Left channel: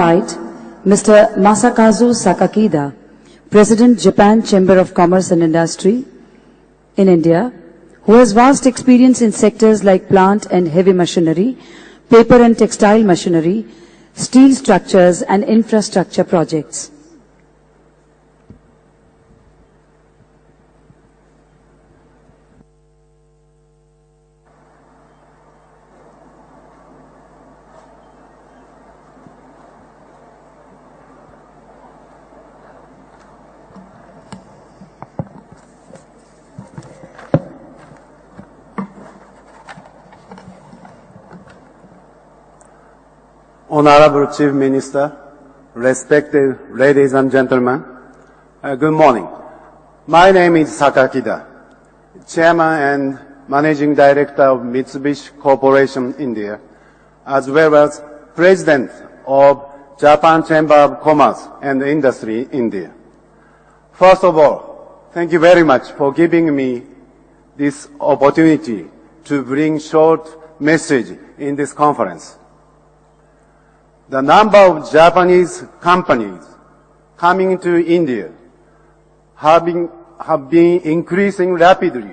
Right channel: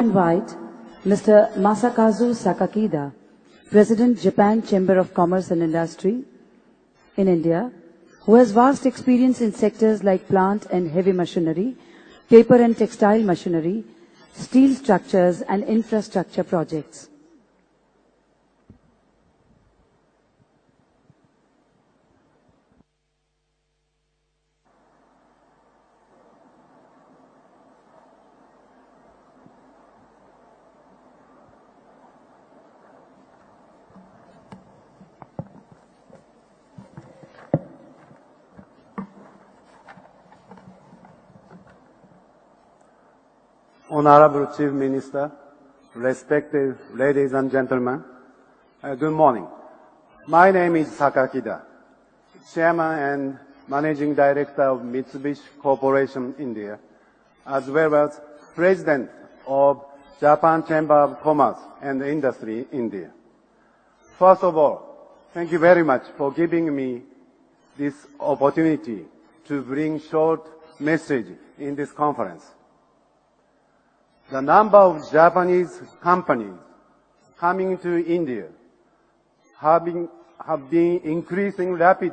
invite Mr. Masakazu Sakakida, President, Japan Chamber of Commerce and Industry in India, who has vast experience in sectors like plant and heavy machinery, paper and textile machinery, steel structures and infrastructure projects. Honorable Chief Minister, respected ladies and gentlemen, good morning. My name is Sakakida, Chairman and Managing Director of Mitsubishi Corporation India, as well as President of Japan Chamber of Commerce and Industry India. First of all, thank you very much for giving me this opportunity to bring short message in this conference. The number of Japanese companies coming to India have been increasing rapidly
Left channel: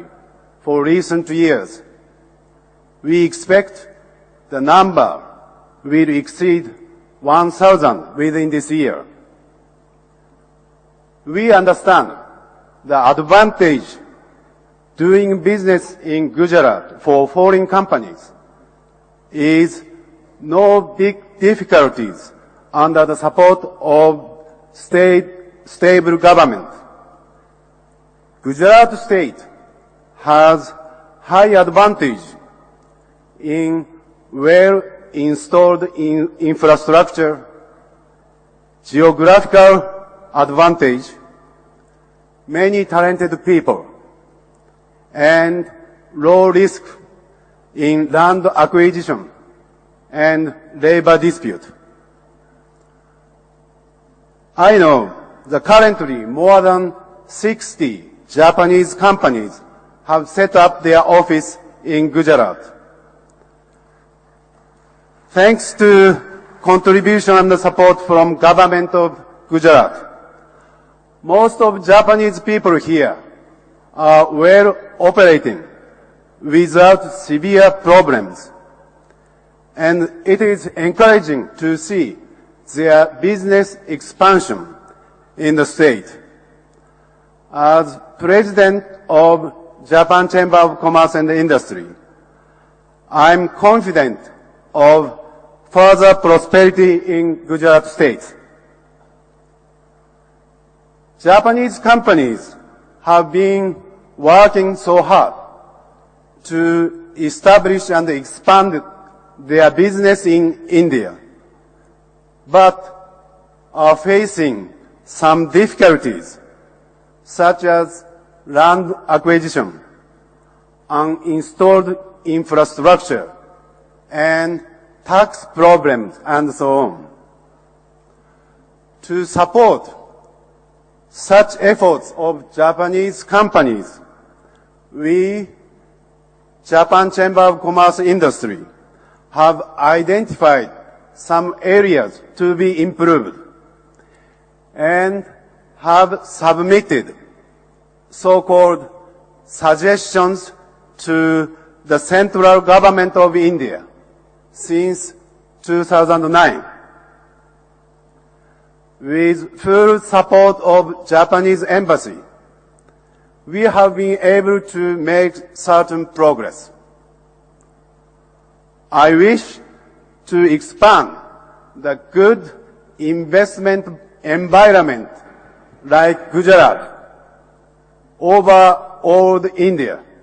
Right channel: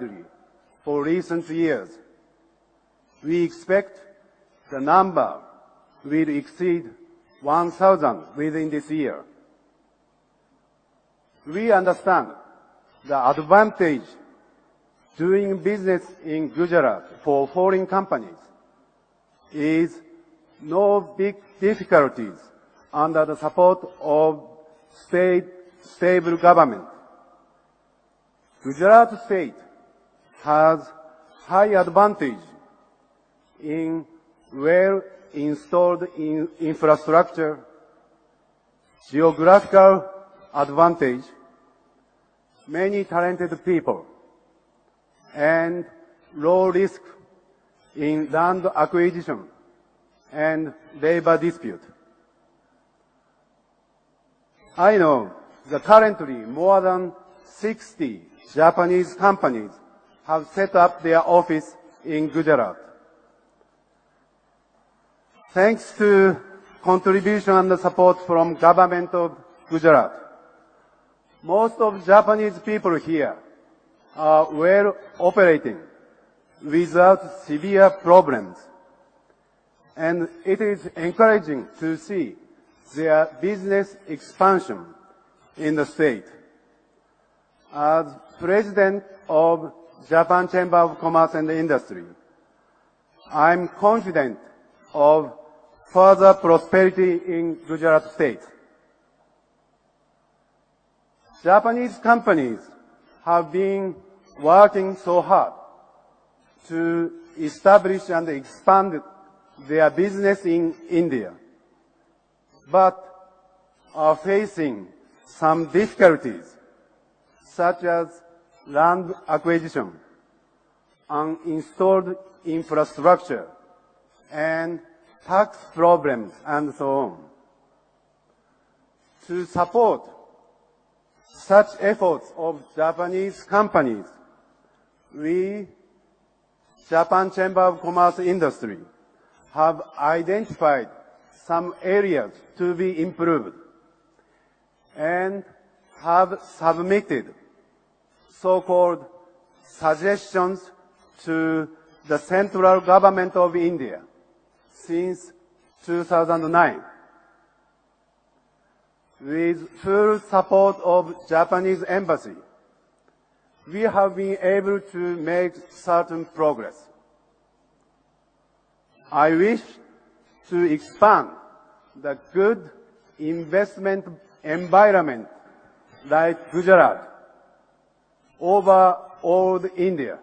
for recent years. We expect the number will exceed 1,000 within this year. We understand the advantage doing business in Gujarat for foreign companies is no big difficulties under the support of stable government. Gujarat state has high advantage in well-installed infrastructure, geographical advantage, many talented people, and low risk in land acquisition and labor dispute. I know that currently more than 60 Japanese companies have set up their office in Gujarat. Thanks to contribution and support from government of Gujarat, most of Japanese people here are well operated without severe problems. And it is encouraging to see their business expansion in the state. As President of Japan Chamber of Commerce and Industry, I am confident of further prosperity in Gujarat state. Japanese companies have been working so hard to establish and expand their business in India, but are facing some difficulties, such as land acquisition, uninstalled infrastructure, and tax problems, and so on. To support such efforts of Japanese companies, we, Japan Chamber of Commerce Industry, have identified some areas to be improved and have submitted so-called suggestions to the central government of India since 2009. With full support of Japanese embassy, we have been able to make certain progress. I wish to expand the good investment environment like Gujarat over all India.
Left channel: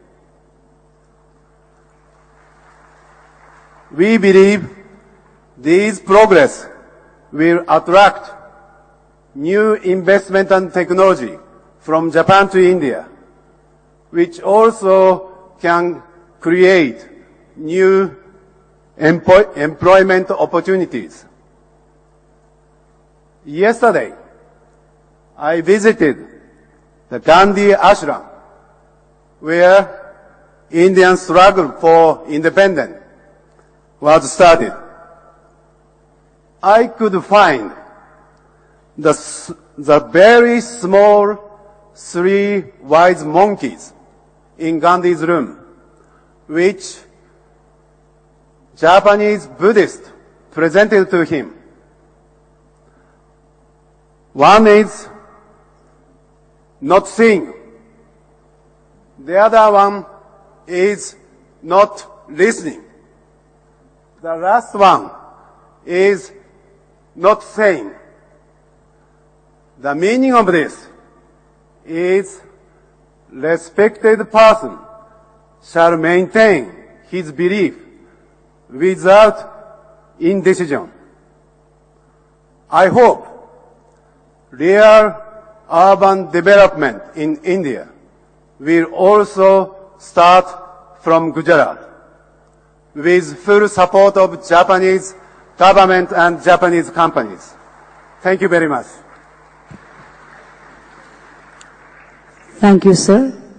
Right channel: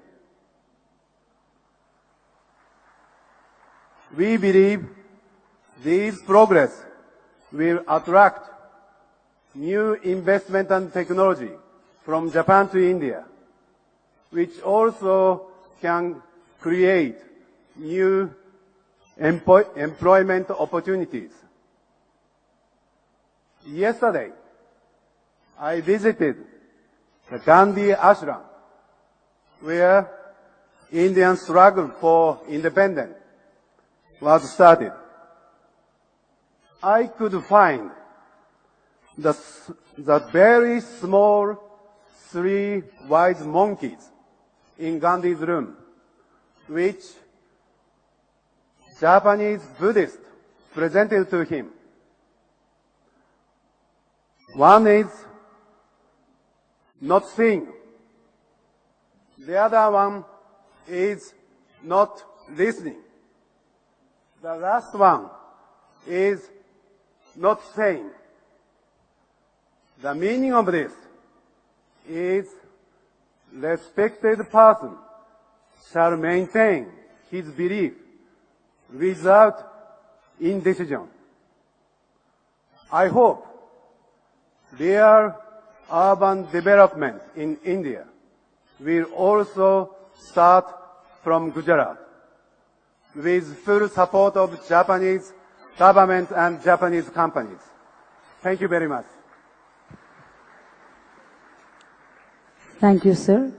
We believe this progress will attract new investment and technology from Japan to India, which also can create new employment opportunities. Yesterday, I visited the Gandhi Ashram, where Indian struggle for independence was started. I could find the very small three wise monkeys in Gandhi's room, which Japanese Buddhists presented to him. One is not seeing. The other one is not listening. The last one is not saying. The meaning of this is respected person shall maintain his belief without indecision. I hope real urban development in India will also start from Gujarat with full support of Japanese government and Japanese companies. Thank you very much. Thank you, sir.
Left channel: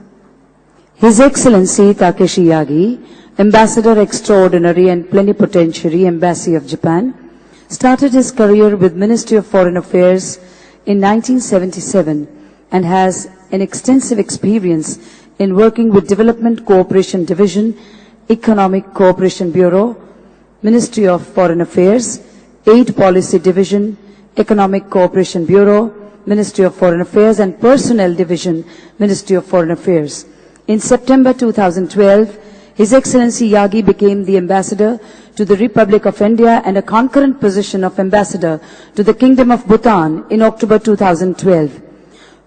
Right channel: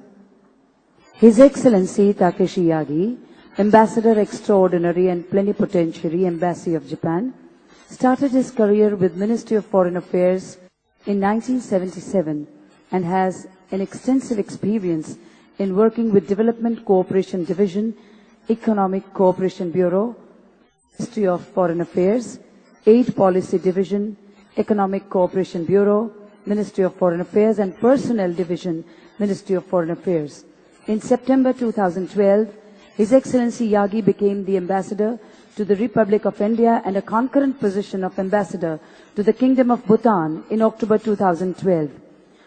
His Excellency Takeshi Yagi, Ambassador Extraordinary and Plenipotentiary Embassy of Japan, started his career with Ministry of Foreign Affairs in 1977 and has an extensive experience in working with Development Cooperation Division, Economic Cooperation Bureau, Ministry of Foreign Affairs, Aid Policy Division, Economic Cooperation Bureau, Ministry of Foreign Affairs and Personnel Division, Ministry of Foreign Affairs. In September 2012, His Excellency Yagi became the Ambassador to the Republic of India and a concurrent position of Ambassador to the Kingdom of Bhutan in October 2012.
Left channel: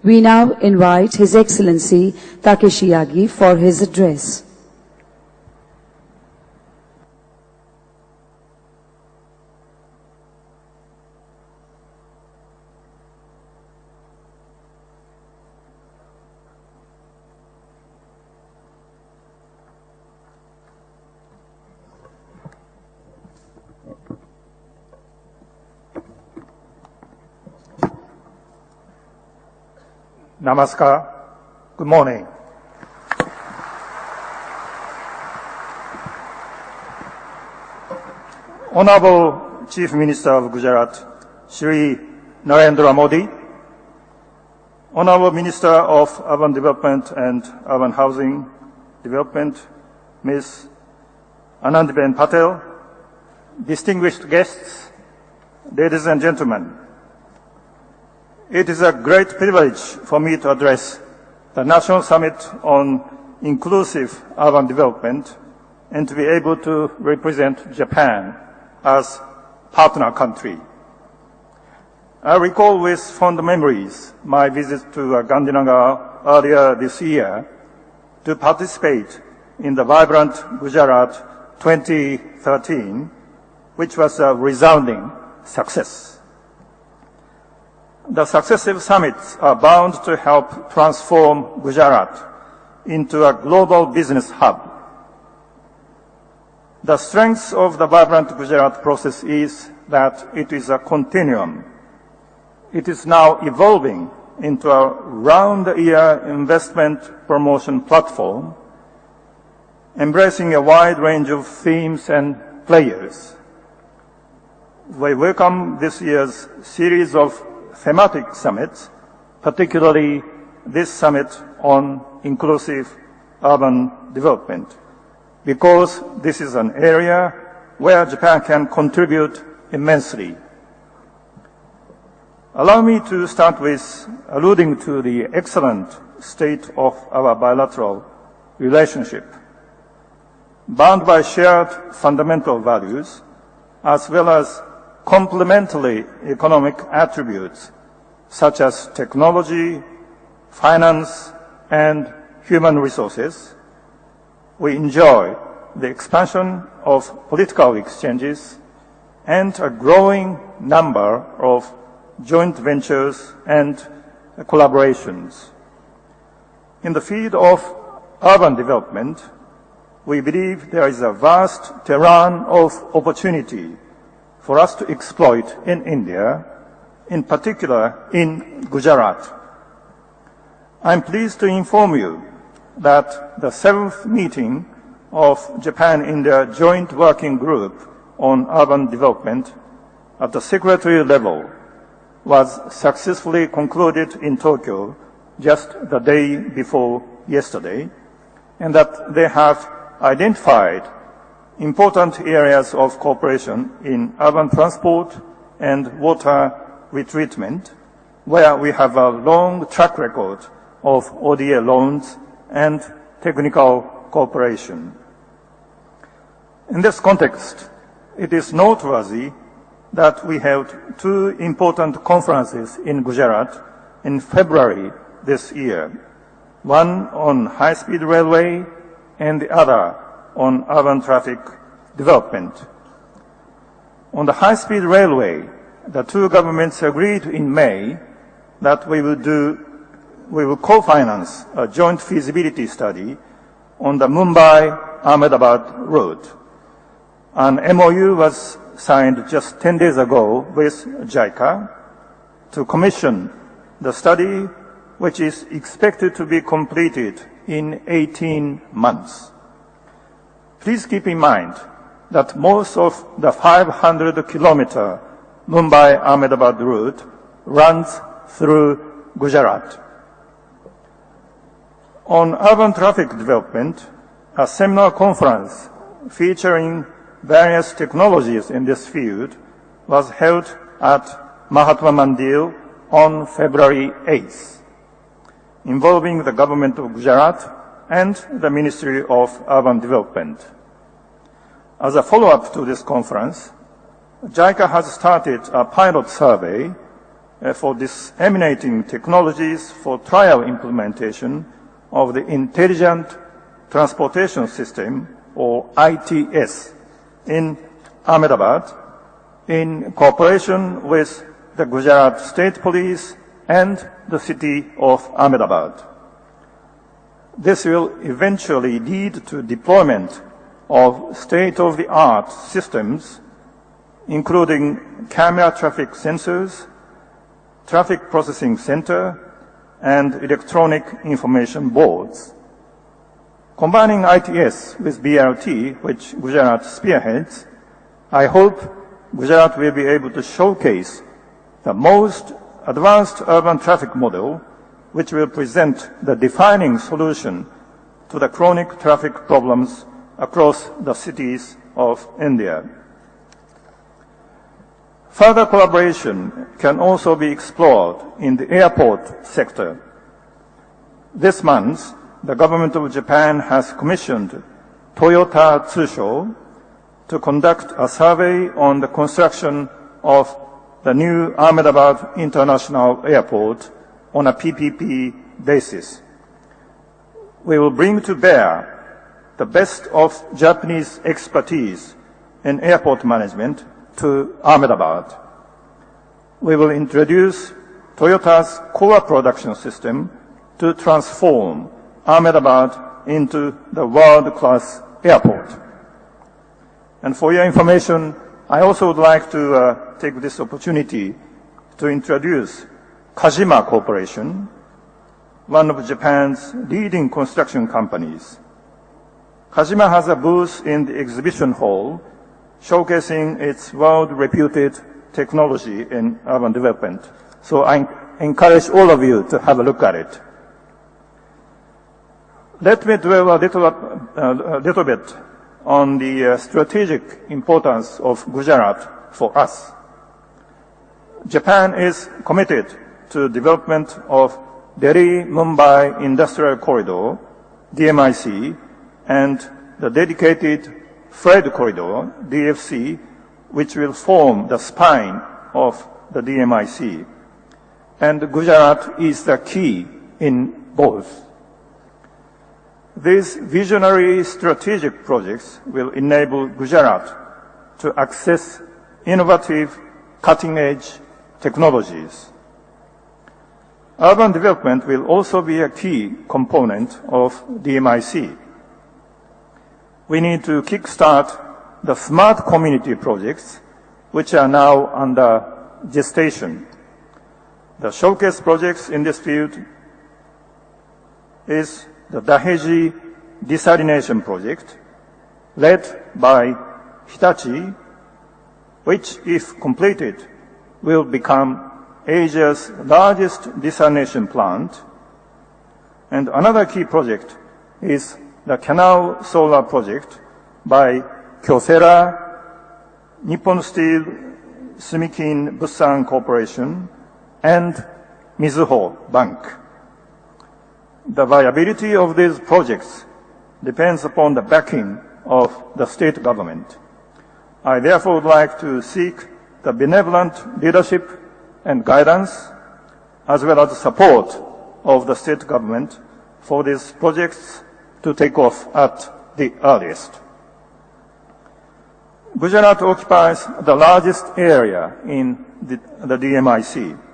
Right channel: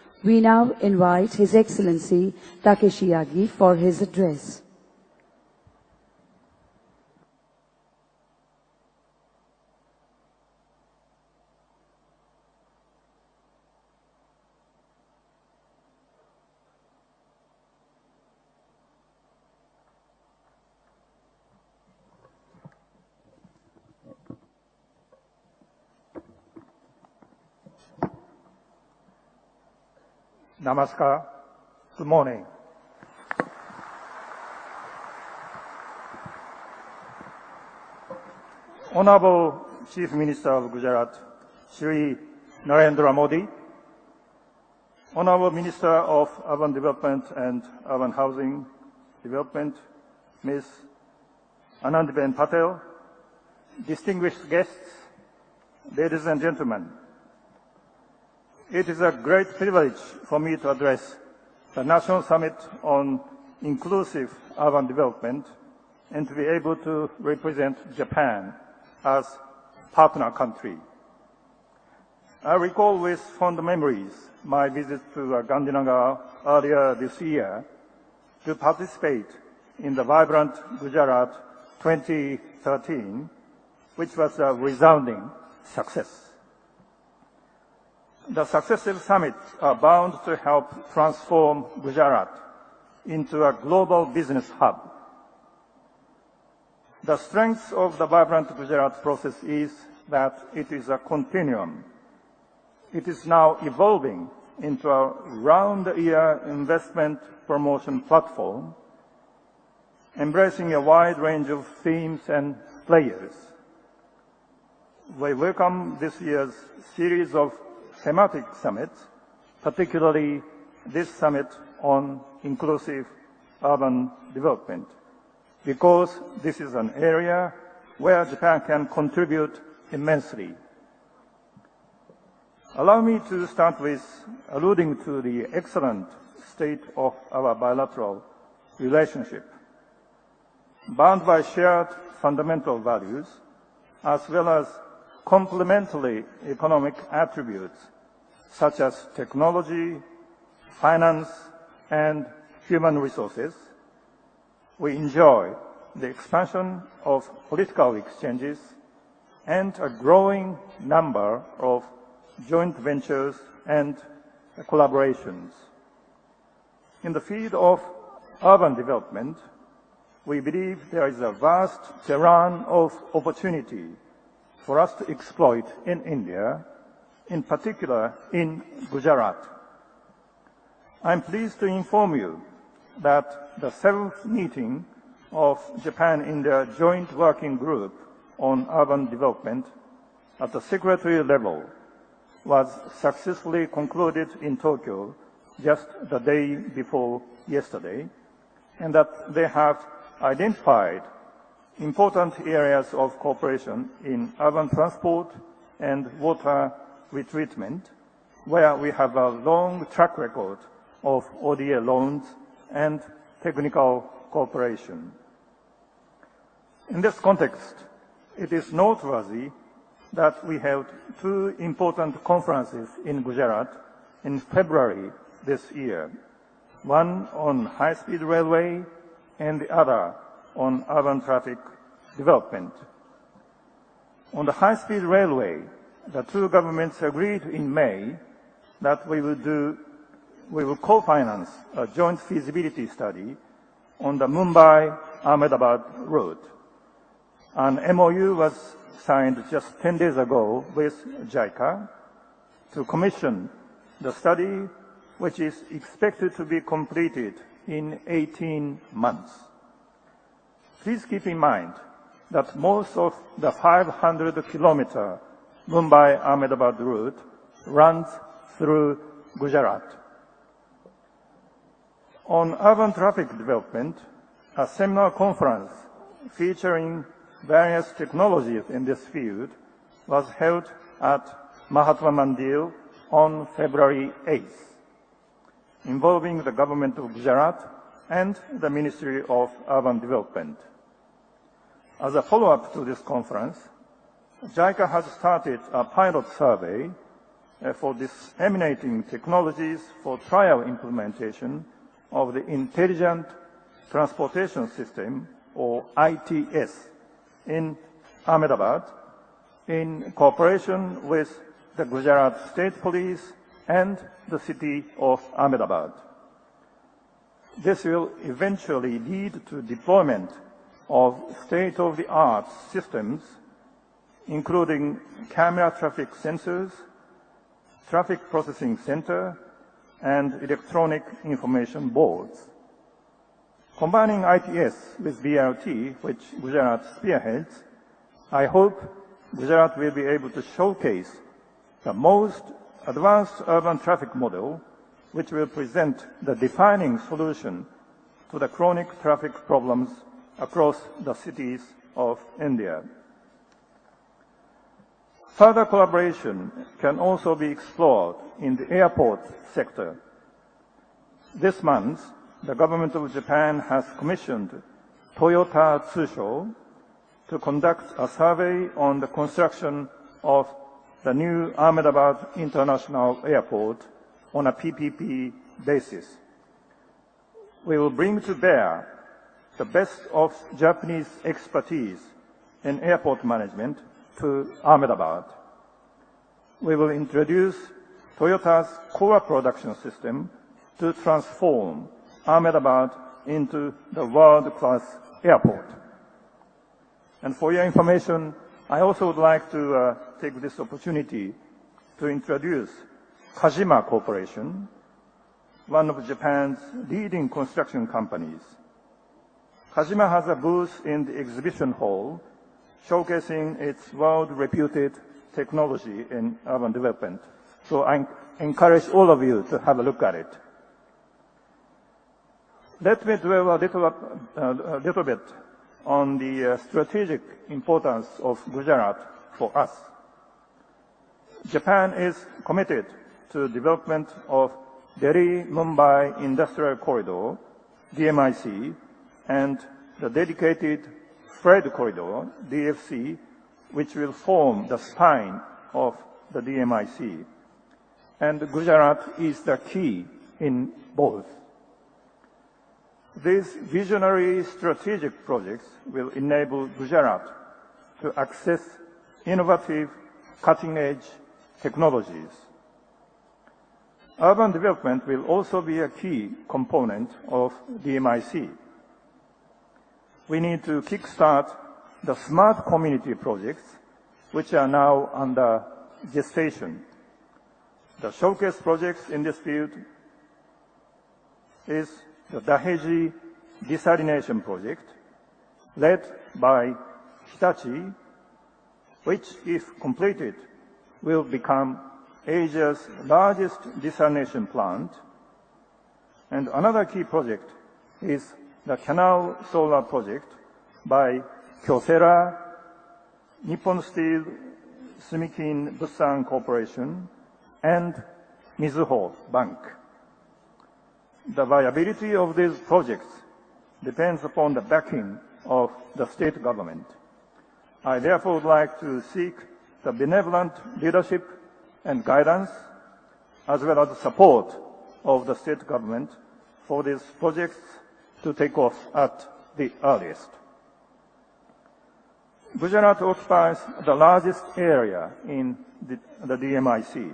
We now invite His Excellency Takeshi Yagi for his address. Namaskar. Good morning. Honorable Chief Minister of Gujarat, Shri Narendra Modi, Honorable Minister of Urban Development and Urban Housing Development, Ms. Anandiben Patel, distinguished guests, ladies and gentlemen, it is a great privilege for me to address the National Summit on Inclusive Urban Development and to be able to represent Japan as partner country. I recall with fond memories my visit to Gandhinagar earlier this year to participate in the vibrant Gujarat 2013, which was a resounding success. The successive summits are bound to help transform Gujarat into a global business hub. The strength of the vibrant Gujarat process is that it is a continuum. It is now evolving into a round-the-year investment promotion platform, embracing a wide range of themes and players. We welcome this year's series of thematic summits, particularly this summit on inclusive urban development, because this is an area where Japan can contribute immensely. Allow me to start with alluding to the excellent state of our bilateral relationship, bound by shared fundamental values, as well as complementary economic attributes such as technology, finance, and human resources. We enjoy the expansion of political exchanges and a growing number of joint ventures and collaborations. In the field of urban development, we believe there is a vast terrain of opportunity for us to exploit in India, in particular in Gujarat. I'm pleased to inform you that the 7th meeting of Japan-India Joint Working Group on Urban Development at the secretary level was successfully concluded in Tokyo just the day before yesterday, and that they have identified important areas of cooperation in urban transport and water retreatment, where we have a long track record of ODA loans and technical cooperation. In this context, it is noteworthy that we held two important conferences in Gujarat in February this year, one on high-speed railway and the other on urban traffic development. On the high-speed railway, the two governments agreed in May that we will co-finance a joint feasibility study on the Mumbai-Ahmedabad route. An MOU was signed just 10 days ago with JICA to commission the study, which is expected to be completed in 18 months. Please keep in mind that most of the 500-kilometer Mumbai-Ahmedabad route runs through Gujarat. On urban traffic development, a seminar conference featuring various technologies in this field was held at Mahatma Mandir on February 8th, involving the government of Gujarat and the Ministry of Urban Development. As a follow-up to this conference, JICA has started a pilot survey for disseminating technologies for trial implementation of the Intelligent Transportation System, or ITS, in Ahmedabad, in cooperation with the Gujarat State Police and the city of Ahmedabad. This will eventually lead to deployment of state-of-the-art systems, including camera traffic sensors, traffic processing center, and electronic information boards. Combining ITS with BRT, which Gujarat spearheads, I hope Gujarat will be able to showcase the most advanced urban traffic model, which will present the defining solution to the chronic traffic problems across the cities of India. Further collaboration can also be explored in the airport sector. This month, the government of Japan has commissioned Toyota Tsusho to conduct a survey on the construction of the new Ahmedabad International Airport on a PPP basis. We will bring to bear the best of Japanese expertise in airport management to Ahmedabad. We will introduce Toyota's core production system to transform Ahmedabad into the world-class airport. And for your information, I also would like to take this opportunity to introduce Kajima Corporation, one of Japan's leading construction companies. Kajima has a booth in the exhibition hall showcasing its world-reputed technology in urban development. So I encourage all of you to have a look at it. Let me dwell a little bit on the strategic importance of Gujarat for us. Japan is committed to development of Delhi-Mumbai Industrial Corridor, DMIC, and the dedicated Freight Corridor, DFC, which will form the spine of the DMIC. And Gujarat is the key in both. These visionary strategic projects will enable Gujarat to access innovative, cutting-edge technologies. Urban development will also be a key component of DMIC. We need to kickstart the smart community projects, which are now under gestation. The showcase projects in this field is the Daheji Desalination Project, led by Hitachi, which, if completed, will become Asia's largest desalination plant. And another key project is the Canal Solar Project by Kyocera, Nippon Steel, Sumikin Bussan Corporation, and Mizuho Bank. The viability of these projects depends upon the backing of the state government. I therefore would like to seek the benevolent leadership and guidance, as well as support of the state government for these projects to take off at the earliest. Gujarat occupies the largest area in the DMIC.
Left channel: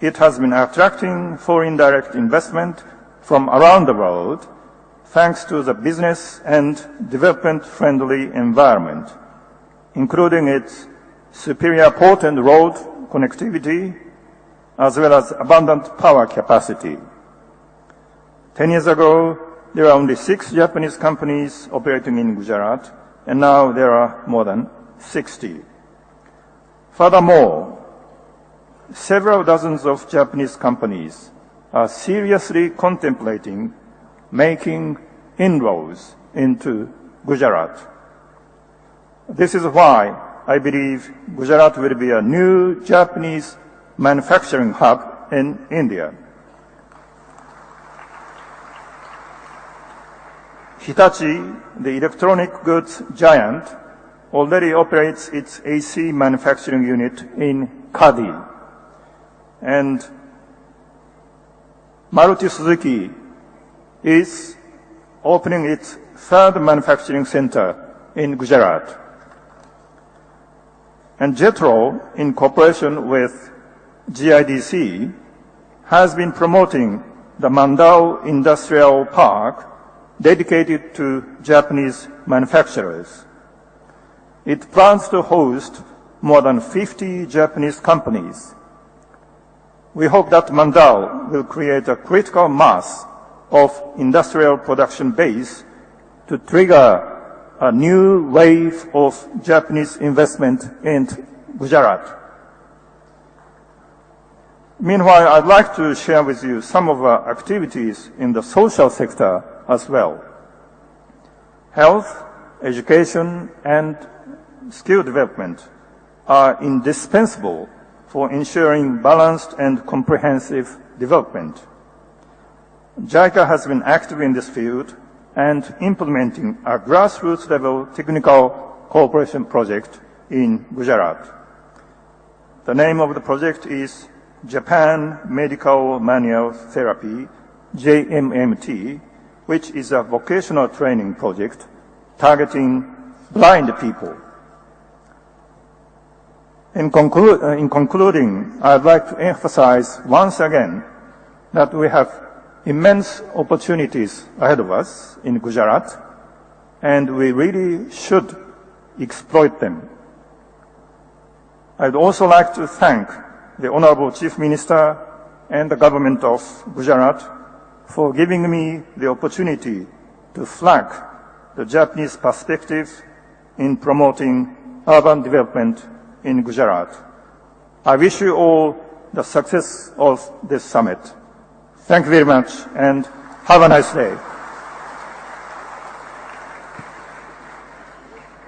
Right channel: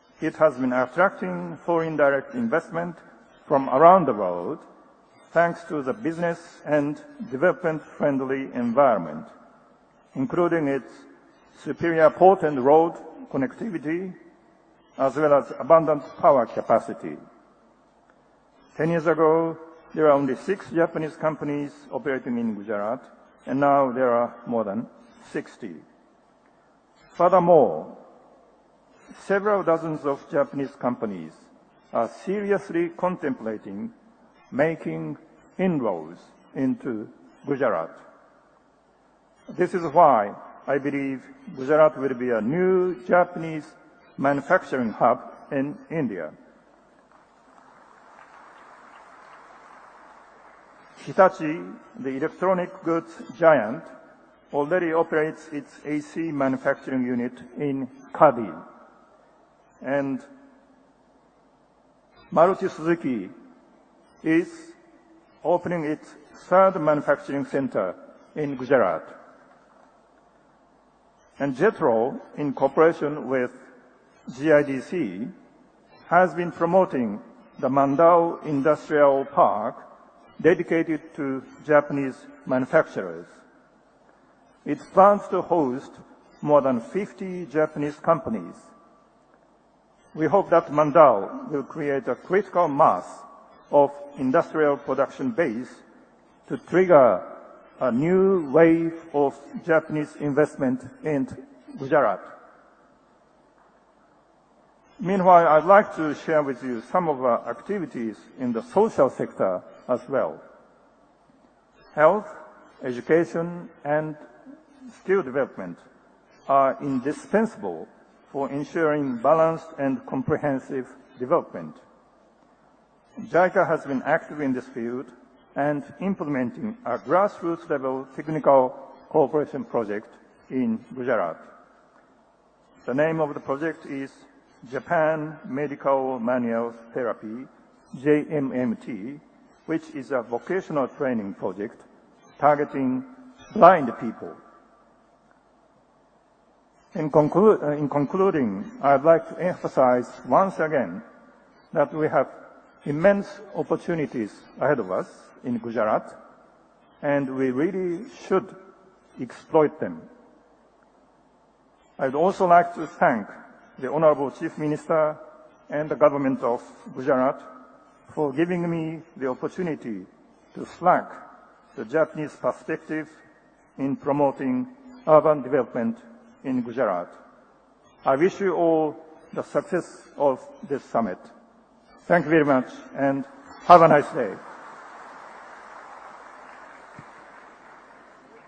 It has been attracting foreign direct investment from around the world thanks to the business and development-friendly environment, including its superior port and road connectivity, as well as abundant power capacity. 10 years ago, there were only 6 Japanese companies operating in Gujarat, and now there are more than 60. Furthermore, several dozens of Japanese companies are seriously contemplating making inroads into Gujarat. This is why I believe Gujarat will be a new Japanese manufacturing hub in India. Hitachi, the electronic goods giant, already operates its AC manufacturing unit in Kadi. And Maruti Suzuki is opening its third manufacturing center in Gujarat. And JETRO, in cooperation with GIDC, has been promoting the Mandau Industrial Park dedicated to Japanese manufacturers. It plans to host more than 50 Japanese companies. We hope that Mandau will create a critical mass of industrial production base to trigger a new wave of Japanese investment in Gujarat. Meanwhile, I'd like to share with you some of our activities in the social sector as well. Health, education, and skill development are indispensable for ensuring balanced and comprehensive development. JICA has been active in this field and implementing a grassroots-level technical cooperation project in Gujarat. The name of the project is Japan Medical Manual Therapy, JMMT, which is a vocational training project targeting blind people. In concluding, I'd like to emphasize once again that we have immense opportunities ahead of us in Gujarat, and we really should exploit them. I'd also like to thank the Honorable Chief Minister and the government of Gujarat for giving me the opportunity to flag the Japanese perspective in promoting urban development in Gujarat. I wish you all the success of this summit. Thank you very much and have a nice day.